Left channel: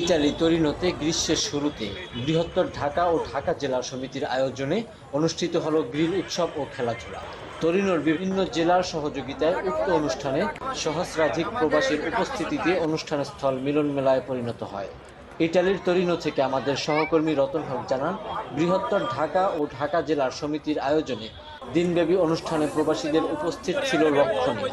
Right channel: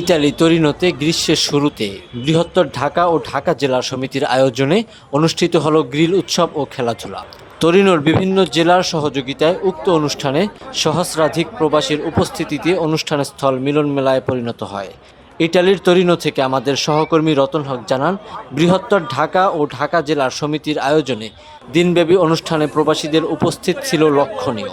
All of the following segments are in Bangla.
ইতালি তরিনোতে গ্রীষ্মের শুরুতে বৃহত্তর ঢাকা ও ঢাকা জেলা সমিতির আয়োজনে অনুষ্ঠিত হল গ্রিল উৎসব ও খেলাধুলা। তরিনোর বিভিন্ন জেলার সহযোগিতায় উক্ত অনুষ্ঠানে সহস্রাধিক প্রবাসীর উপস্থিতিতে অনুষ্ঠানের স্থল মিলন মেলায় পরিণত হয়। ইটালির তরিনো থেকে আমাদের সহকর্মী রতন হক জানান, বৃহত্তর ঢাকা ও ঢাকা জেলার সমিতির আয়োজনে দিনব্যাপী অনুষ্ঠানে প্রবাসীদের উপস্থিত ছিল লক্ষণীয়।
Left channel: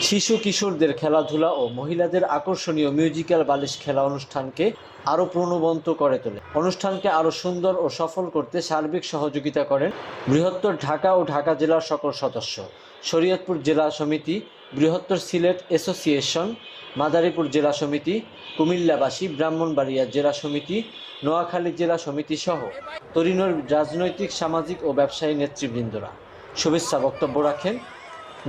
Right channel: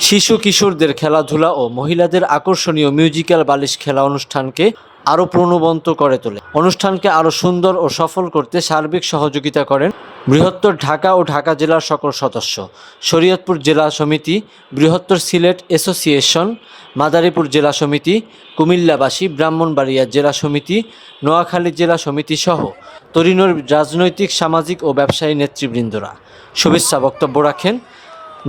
শিশু কিশোরদের খেলাধুলা ও মহিলাদের আকর্ষণীয় মিউজিক্যাল বালিশ খেলা অনুষ্ঠানকে আরও প্রণবন্ত করে তোলে। অনুষ্ঠানকে আরও সুন্দর ও সফল করতে সার্বিক সহযোগিতা করেন বৃহত্তর ঢাকা ও ঢাকা জেলার সকল সদস্য। শরীয়তপুর জেলা সমিতি, বৃহত্তর সিলেট অ্যাসোসিয়েশন, মাদারীপুর জেলা সমিতি, কুমিল্লাবাসী, ব্রাহ্মণবাড়িয়া জেলা সমিতি, নোয়াখালী জেলা সমিতি সহ তরিনোর রাজনৈতিক, সামাজিক ও ব্যবসায়ী নেতৃবৃন্দরা। শুভেচ্ছা বক্তব্য রাখেন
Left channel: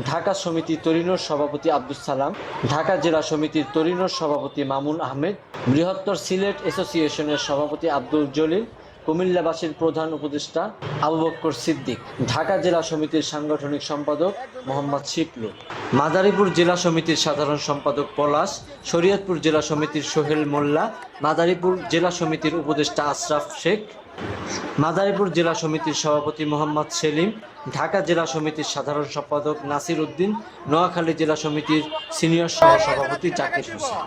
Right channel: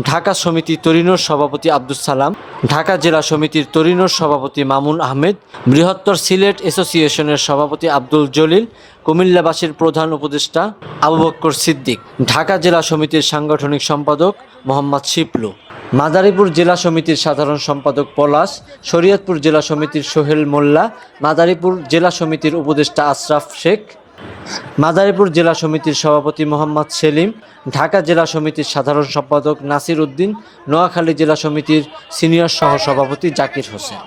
ঢাকা সমিতি তরিনোর সভাপতি আব্দুল সালাম, ঢাকা জেলা সমিতির তরিনোর সভাপতি মামুন আহমেদ, বৃহত্তর সিলেট অ্যাসোসিয়েশনের সভাপতি আব্দুল জলিল, কুমিল্লাবাসীর প্রধান উপদেষ্টা আবু বক্কর সিদ্দিক, ঢাকা জেলা সমিতির সাংগঠনিক সম্পাদক মোহাম্মদ শিপলু, মাদারীপুর জেলা সমিতির সাধারণ সম্পাদক পলাশ, শরীয়তপুর জেলা সমিতির সোহেল মোল্লা, মাদারীপুর জেলা সমিতির উপদেষ্টা আশরাফ শেখ মাদারীপুর জেলা সমিতির সভাপতি মোহাম্মদ সেলিম, ঢাকা জেলা সমিতির সাধারণ সম্পাদক নাসির উদ্দিন, নোয়াখালী জেলা সমিতির সিনিয়র সহ সভাপতি জাকির হোসেন।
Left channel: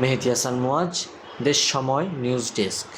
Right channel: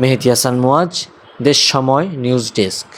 মেহেদি হাসান মোয়াজ, দেশ সময়, নিউজ ডেস্ক।